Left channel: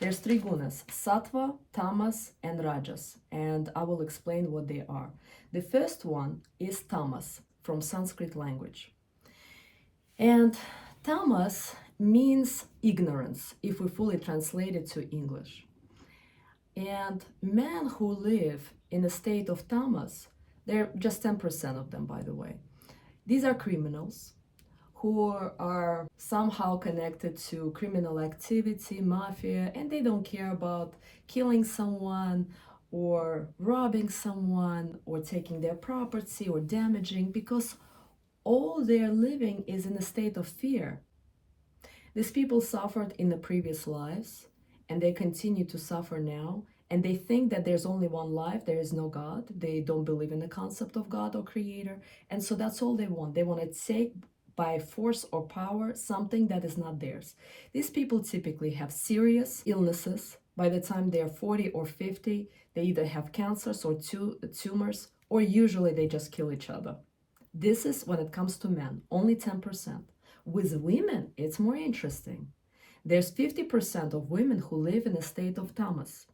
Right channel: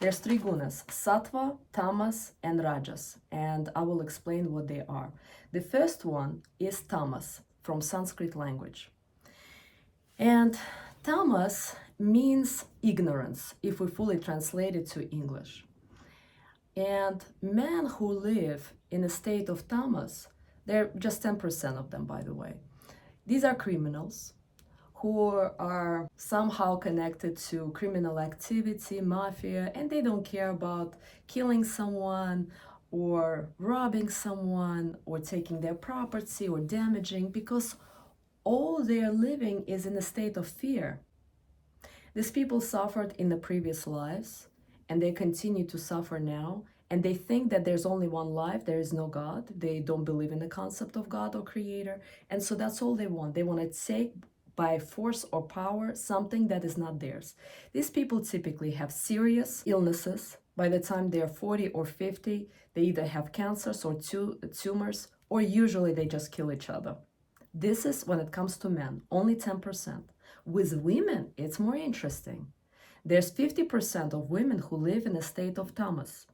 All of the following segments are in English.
There's three gunas, sattva, tamas, and rajas, and I will explain what they are. The first one is tamas, from Sanskrit language. And tamas means ignorance, if we fully translate it to English. And men who live in a state of tamas, they're just 10% of them, by the way. These are criminals who are somehow connected to criminal activity, mafia, and they don't care about killing someone or robbing someone or taking their property or damaging, because all they're living is in a state of fear. These people suffered in the previous lives and they continue to suffer now, and they think that there's only one life, there is no God. They don't believe in the concept of God or creator, and so that's all they want. They want to take by force or power something that is not theirs. These people typically have serious illnesses. By the time they're 40 or 50, they either have cancers or tumors, or usually they just kill each other. This is when it comes to men, only 10%. With women, it's more interesting. There's 50% of women who live in a state of tamas,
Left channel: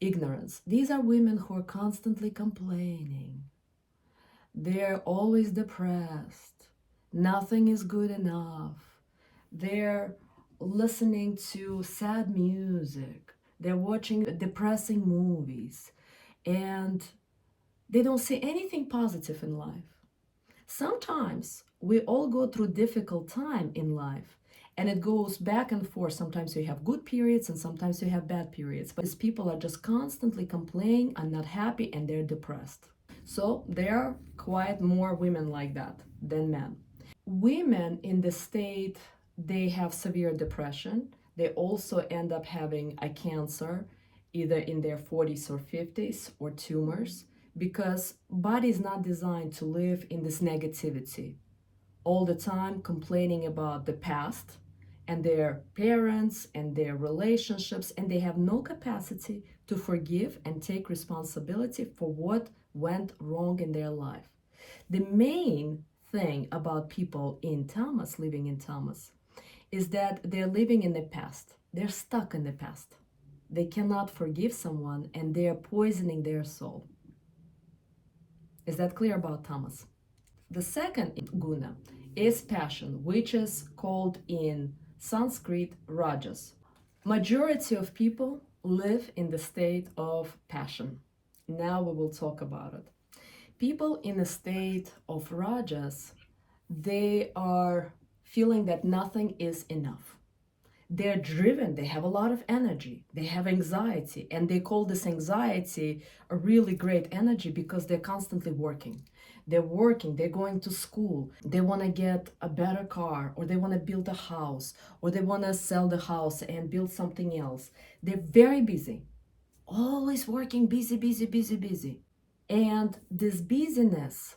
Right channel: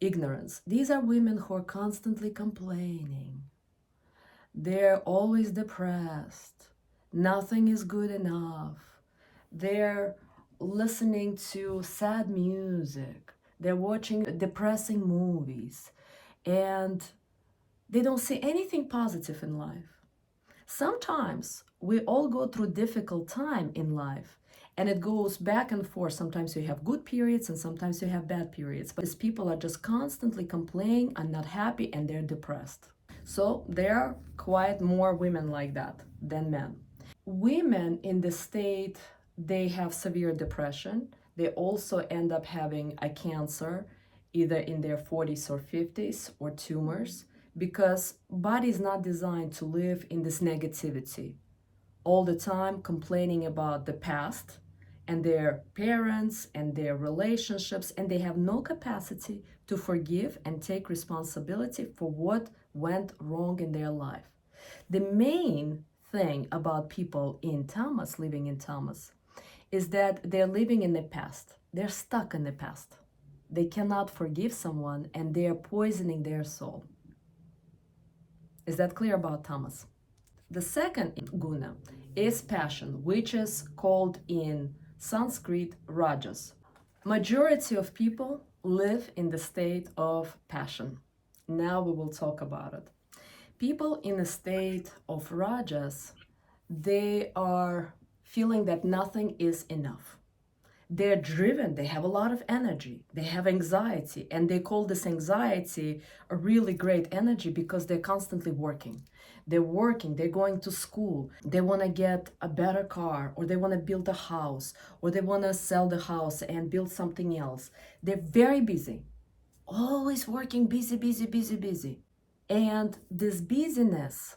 ignorance. These are women who are constantly complaining. They're always depressed. Nothing is good enough. They're listening to sad music. They're watching depressing movies. And they don't see anything positive in life. Sometimes we all go through difficult time in life, and it goes back and forth. Sometimes you have good periods and sometimes you have bad periods. But these people are just constantly complaining and not happy, and they're depressed. So there are quite more women like that than men. Women in the state, they have severe depression. They also end up having a cancer either in their 40s or 50s, or tumors, because body is not designed to live in this negativity all the time, complaining about the past and their parents and their relationships, and they have no capacity to forgive and take responsibility for what went wrong in their life. The main thing about people in tamas, living in tamas, is that they're living in the past. They're stuck in the past. They cannot forgive someone, and they're poisoning their soul. Is that clear about tamas? The second guna is passion, which is called in Sanskrit rajas. Majority of people live in the state of passion. Now we will talk about it. People in a state of rajas, they are feeling that nothing is enough. They're driven, they have a lot of energy, they have anxiety, and they call this anxiety a really great energy because they're constantly working. They're working, they're going to school, they want to get a better car, or they want to build a house, or they want to sell the house and build something else. They're very busy, always working, busy, busy, busy, busy. And this busyness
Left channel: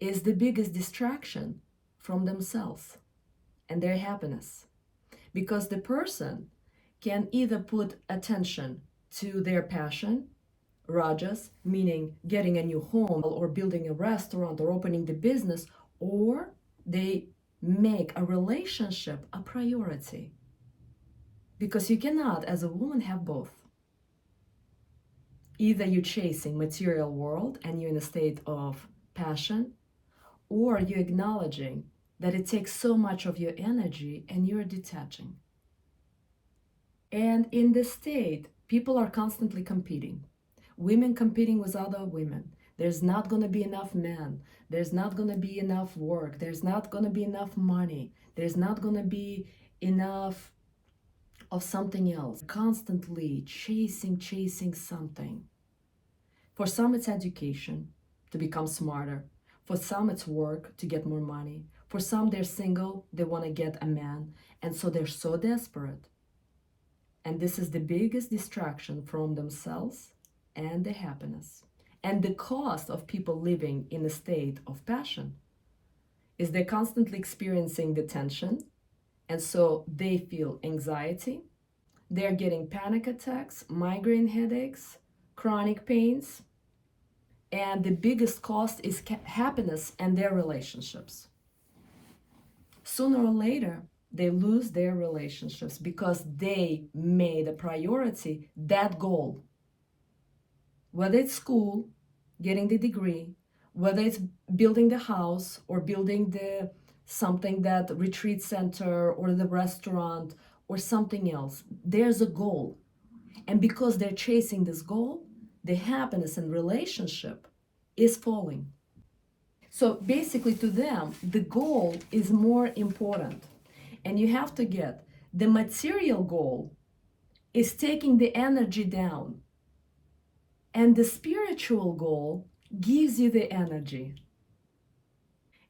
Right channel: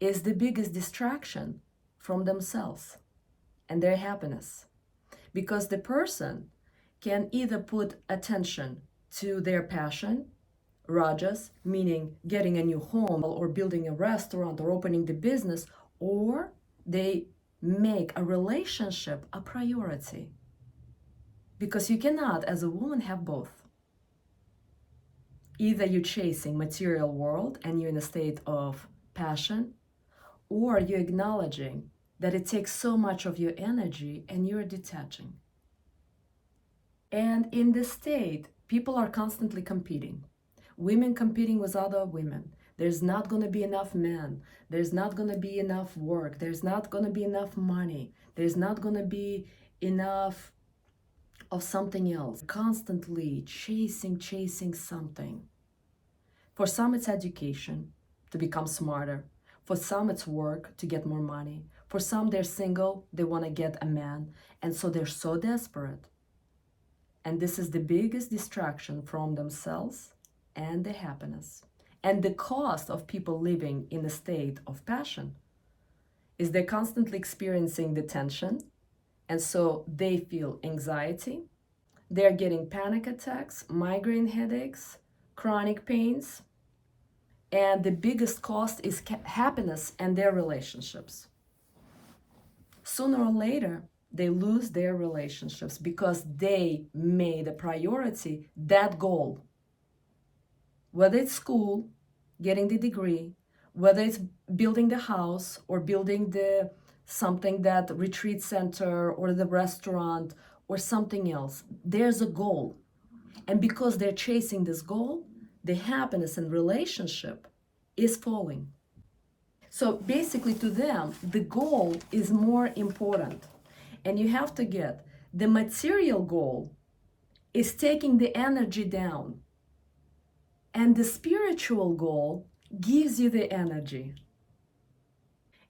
is the biggest distraction from themselves and their happiness. Because the person can either put attention to their passion, rajas, meaning getting a new home or building a restaurant or opening the business, or they make a relationship a priority. Because you cannot, as a woman, have both. Either you're chasing material world and you're in a state of passion, or you're acknowledging that it takes so much of your energy and you're detaching. And in this state, people are constantly competing. Women competing with other women. There's not going to be enough men. There's not going to be enough work. There's not going to be enough money. There's not going to be enough of something else. Constantly chasing something. For some, it's education to become smarter. For some, it's work to get more money. For some, they're single, they want to get a man. And so they're so desperate. And this is the biggest distraction from themselves and their happiness. And the cost of people living in a state of passion is they're constantly experiencing the tension. And so they feel anxiety. They're getting panic attacks, migraine headaches, chronic pains. And the biggest cost is happiness and their relationships. Sooner or later, they lose their relationships because they made a priority that goal. Whether it's school, getting the degree, whether it's building the house or building the something that retreat center or the restaurant or something else, there's a goal. And because they're chasing this goal, the happiness and relationship is falling. So basically, to them, the goal is more important. And you have to get the material goal is taking the energy down, and the spiritual goal gives you the energy.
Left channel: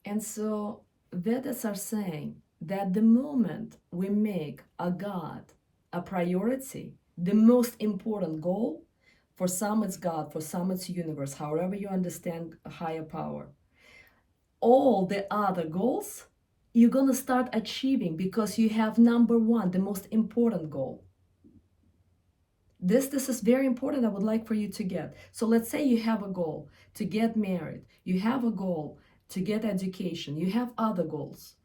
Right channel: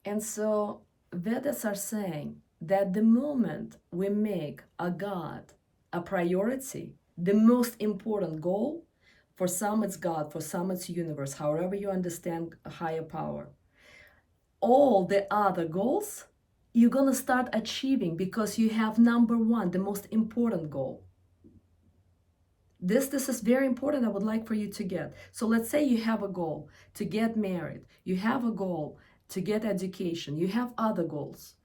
And so, Vedas are saying that the moment we make a God a priority, the most important goal, for some it's God, for some it's universe, however you understand a higher power, all the other goals you're going to start achieving because you have number one, the most important goal. This is very important. I would like for you to get. So let's say you have a goal to get married. You have a goal to get education. You have other goals.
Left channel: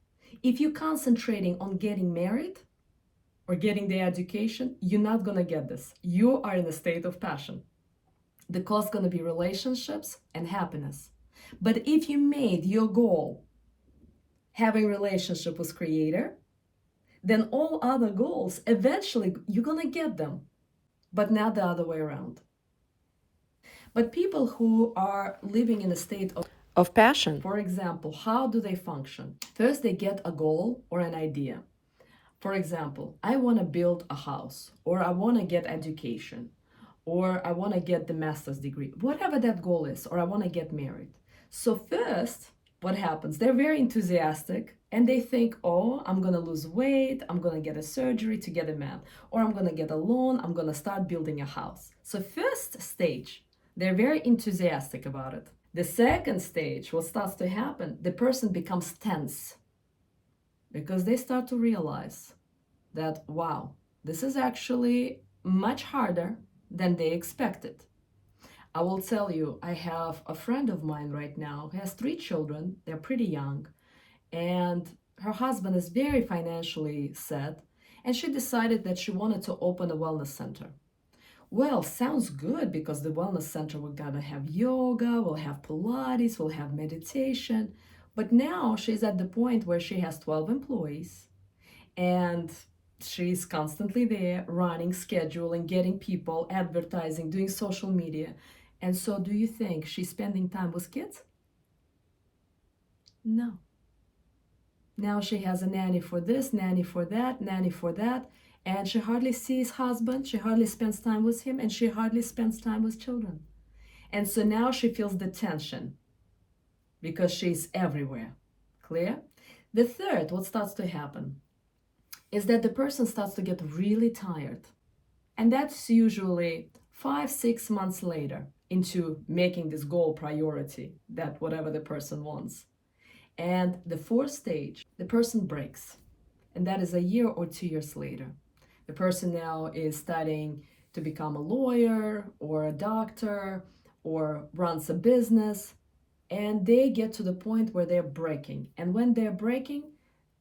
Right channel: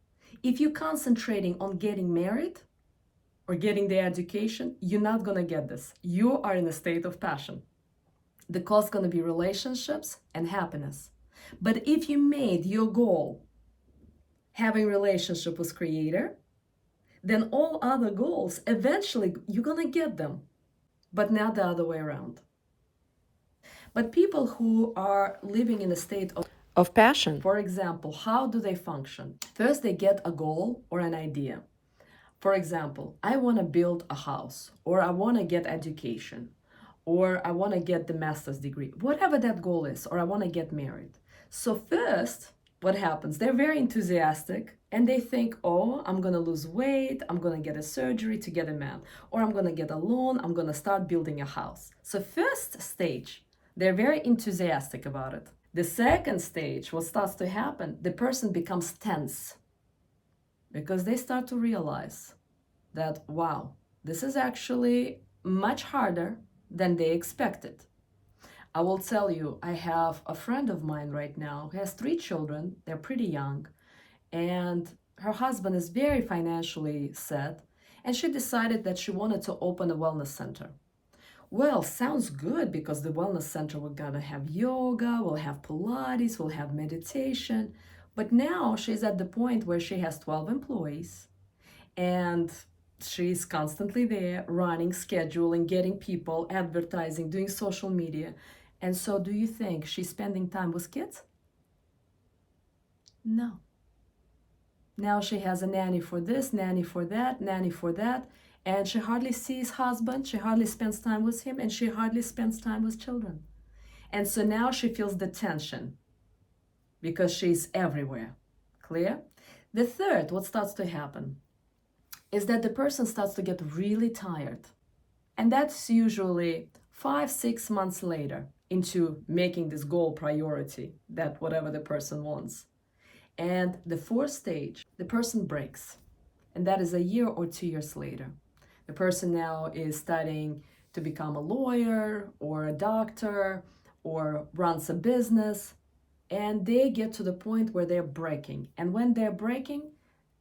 If you're concentrating on getting married or getting the education, you're not going to get this. You are in a state of passion. The cost is going to be relationships and happiness. But if you made your goal having relationship with Creator, then all other goals, eventually you're going to get them, but not the other way around. But people who are living in a state of passion, for example, how do they function? First, they get a goal or an idea. For example, I want to build a house, or I want to get education, or I want to get the master's degree, whatever that goal is, or I want to get married. So first, what happens? They're very enthusiastic and they think, oh, I'm going to lose weight, I'm going to get a surgery to get a man, or I'm going to get a loan, I'm going to start building a house. So first stage, they're very enthusiastic about it. The second stage, what starts to happen, the person becomes tense because they start to realize that, wow, this is actually much harder than they expected. I will tell you, I have a friend of mine right now who has 3 children. They're pretty young. And her husband is very financially set. And she decided that she wanted to open a wellness center. Well, sounds good because the wellness center, we're going to have yoga, we'll have Pilates, we'll have meditation. But now she's at the point where she has 12 employees. And she's constantly there, running, scheduling, getting people, advertising, doing social media. And so do you think she's spending time with kids? No. Now she has a nanny for this, nanny for that, nanny for that, and she hardly sees husband, she hardly spends time with him, and she hardly spends time with children. And so now she feels the tension because she's everywhere. Clear? The third, what starts to happen is that the person starts to get really tired. And that's usually 5-6 months later into making this goal priority, that whatever the person wants. And the fourth stage, the person breaks. And that is a year or 2 years later. The person now is studying to become a lawyer or a doctor or runs a business. And they get to the point where they're breaking. And when they're breaking,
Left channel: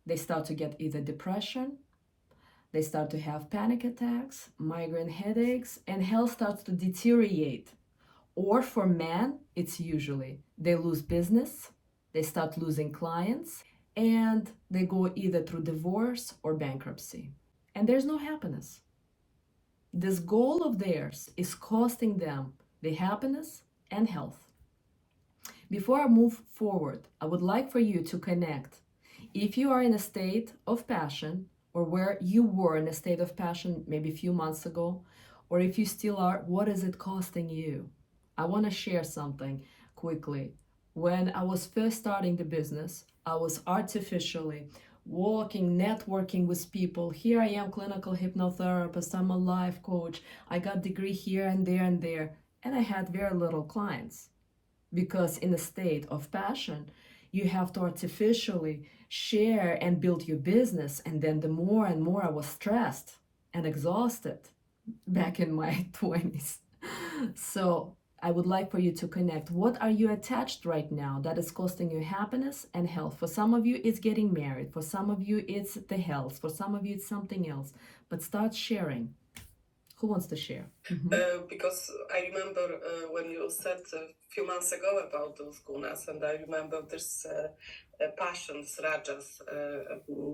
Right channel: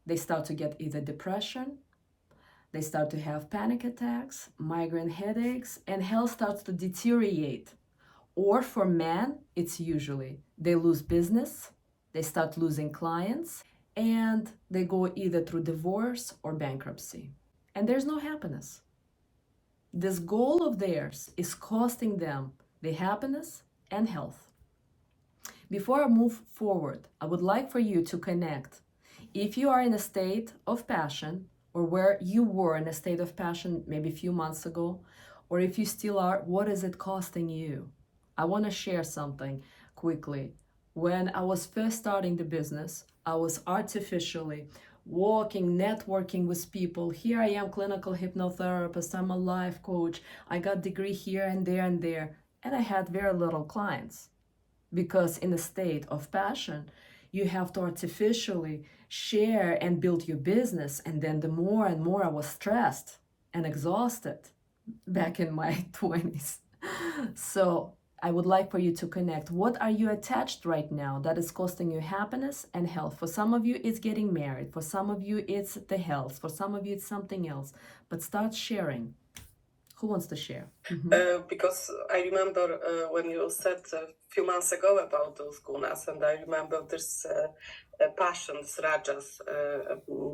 they start to get either depression, they start to have panic attacks, migraine headaches, and health starts to deteriorate. Or for men, it's usually they lose business, they start losing clients, and they go either through divorce or bankruptcy. And there's no happiness. This goal of theirs is costing them the happiness and health. Before I move forward, I would like for you to connect. If you are in a state of passion, or where you were in a state of passion maybe a few months ago, or if you still are, what is it costing you? I want to share something quickly. When I was first starting the business, I was artificially walking, networking with people. Here I am, clinical hypnotherapist, I'm a life coach, I got degree here and there, and I had very little clients. Because in a state of passion, you have to artificially share and build your business. And then the more and more I was stressed and exhausted back in my 20s. So I would like for you to connect. What are you attached right now that is costing you happiness and health? For some of you, it's getting married. For some of you, it's the health. For some of you, it's something else. But start sharing. Who wants to share? Because I remember when you said a few months ago about those gunas, and I remember this passions, rajas,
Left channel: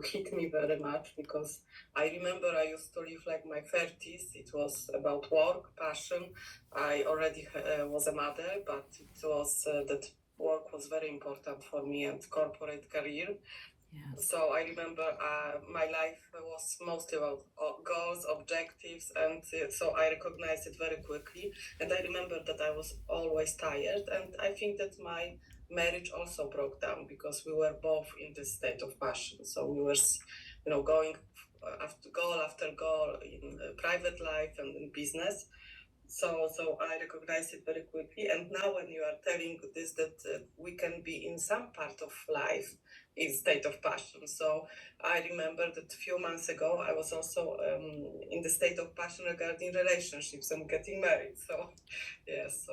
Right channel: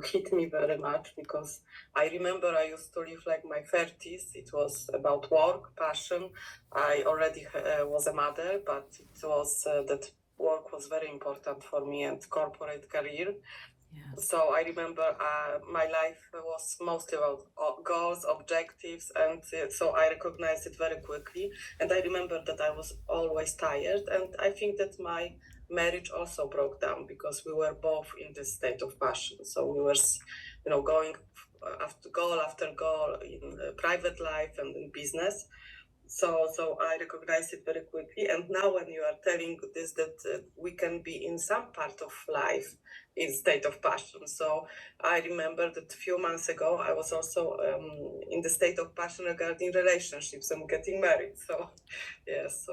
hit me very much because I remember I used to live like my 30s. It was about work, passion. I already was a mother, but it was that work was very important for me and corporate career. Yes. So I remember my life was mostly about goals, objectives, and so I recognized it very quickly. And I remember that I was always tired, and I think that my marriage also broke down because we were both in this state of passion. So we were, going after goal in private life and in business. So I recognized it very quickly. And now when you are telling this, that we can be in some part of life in state of passion. So I remember that a few months ago, I was also in the state of passion regarding relationships and getting married. So, yeah, so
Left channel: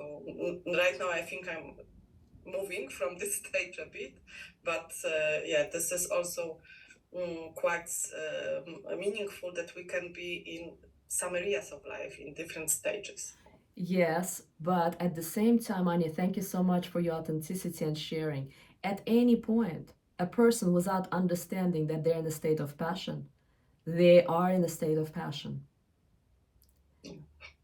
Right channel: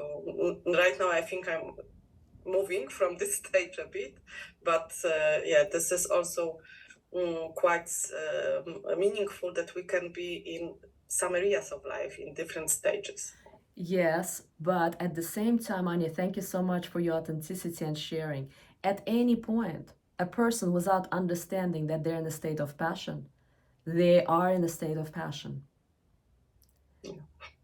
right now I think I'm moving from this stage a bit, but yeah, this is also quite meaningful that we can be in some areas of life in different stages. Yes, but at the same time, Anya, thank you so much for your authenticity and sharing. At any point, a person without understanding that they're in a state of passion, they are in a state of passion.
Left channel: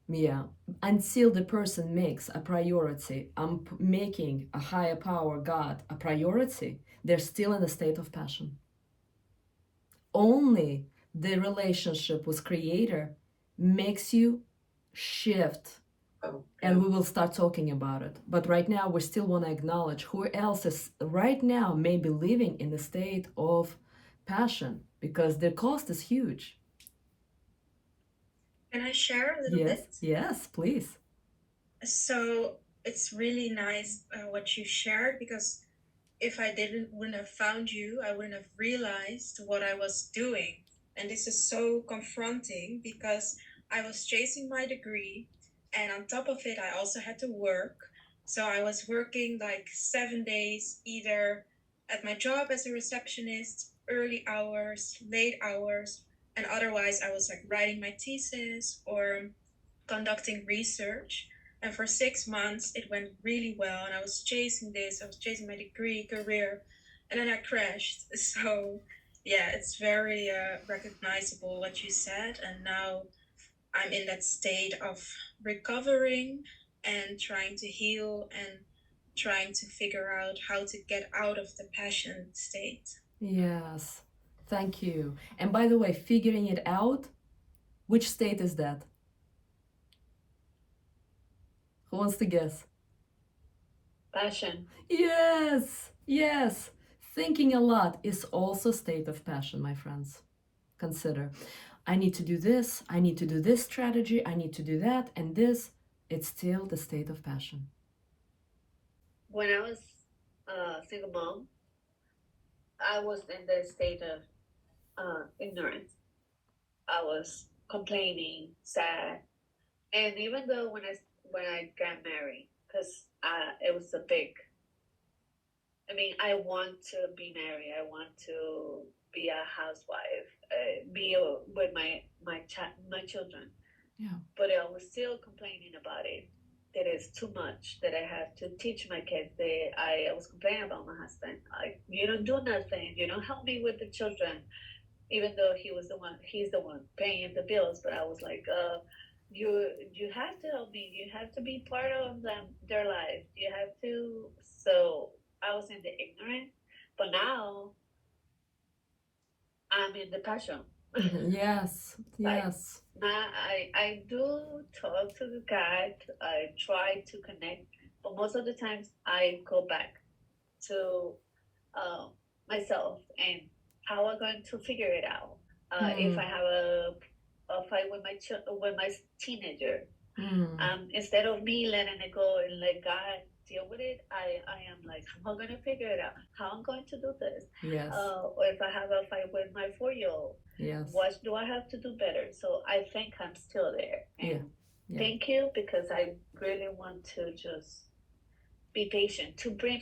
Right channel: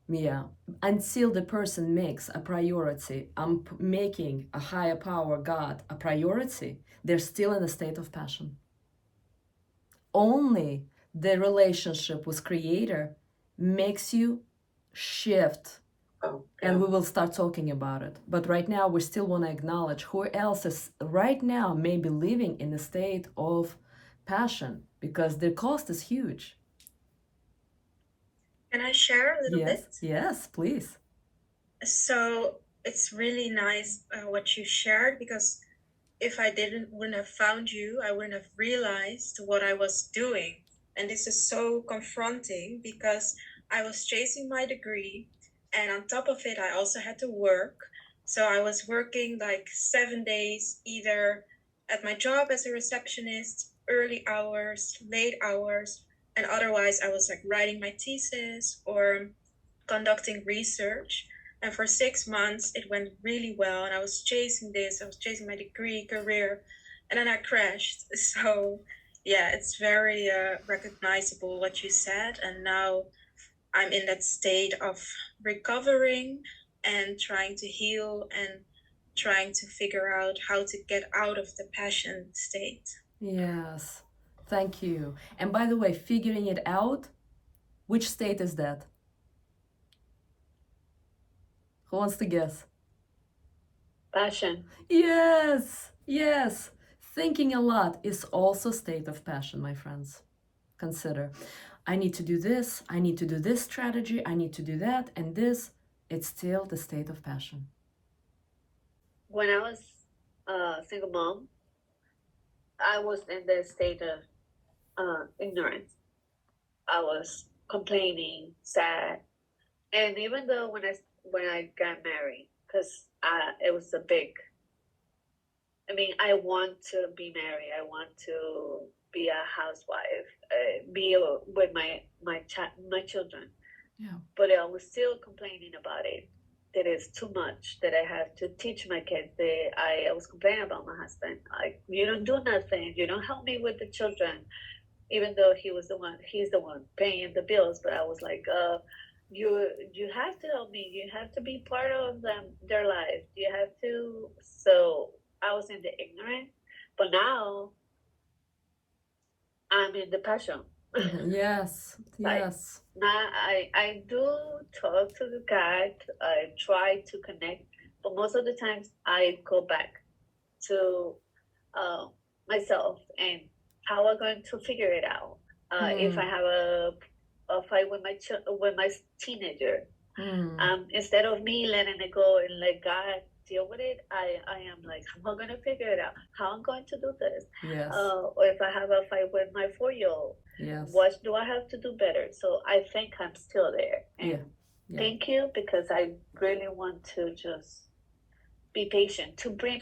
Yeah. Until the person makes a priority, making a higher power, God, a priority, they're still in a state of passion. Only the relationship with Creator makes you shift. And we will start talking about it. But right now, we still want to acknowledge who else is right now maybe living in a state of passion because the cost is huge. Can I share a little bit? Yes, please. So it's really nice what you shared because if I wouldn't have found you, I wouldn't have realized what I was doing. And this is so confronting because I was chasing my degree, and on top of it, I also had to work. So I was working like 7 days, either at my job as a receptionist, early hours, late hours, and otherwise I was like writing my thesis or conducting research. And for 6 months, it went really well. And I was chasing this, I was chasing my degree, career, and then I crashed. So, yeah, it's very recognizable what you said. And now I'm in that state of recovering and trying to heal and trying to figure out how to get out of the passion state. Yes. Thank you. And by the way, figuring it out, which state is that? Who wants to guess? Passion. Yes. Yes. Thinking a lot is also state of passion, my friends. Consider. I need to do this, I need to do this strategy, I need to do that, and this, it's still the state of passion. When I was a single mom, I was in the state of ignorance. I was complaining, sad, and even though when I got married, because it was a big. I mean, I want to be married. I want to be a housewife, be with my children. Yeah. But I was still complaining about it. That is too much. That I have to teach my kids. I was complaining about my husband. Like, you don't do nothing. You don't help me with the children. Even though he's the one paying the bills. But I was like, you have to help me. You have to be part of their life. You have to. So I was in the ignorance. But now I'm in the passion. Yes, yes. Now I do talk to the cat. I try to connect, but most of the times I go back to uh, myself and how I'm going to figure it out. If I have a fight with my teenager, instead of me letting it go and let God deal with it, I am like, how am I going to figure it out? How I'm going to do this? Yes. Or if I have a fight with my 4-year-old, Yes. what do I have to do better? So I think I'm still there. And Yeah. Yeah. Thank you, because I really want to just be patient, to bring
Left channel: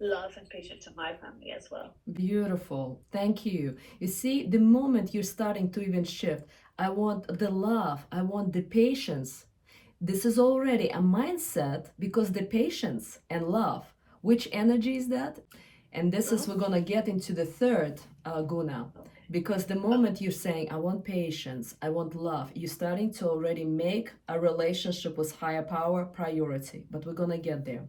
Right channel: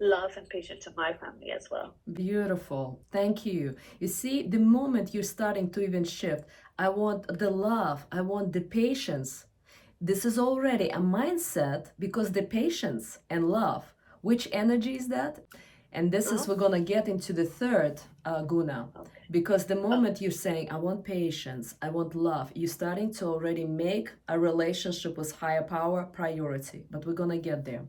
love and patience to my family as well. Beautiful. Thank you. You see, the moment you're starting to even shift, I want the love, I want the patience. This is already a mindset because the patience and love, which energy is that? And this is, we're gonna get into the third guna. Because the moment you're saying, I want patience, I want love, you're starting to already make a relationship with higher power priority. But we're gonna get there.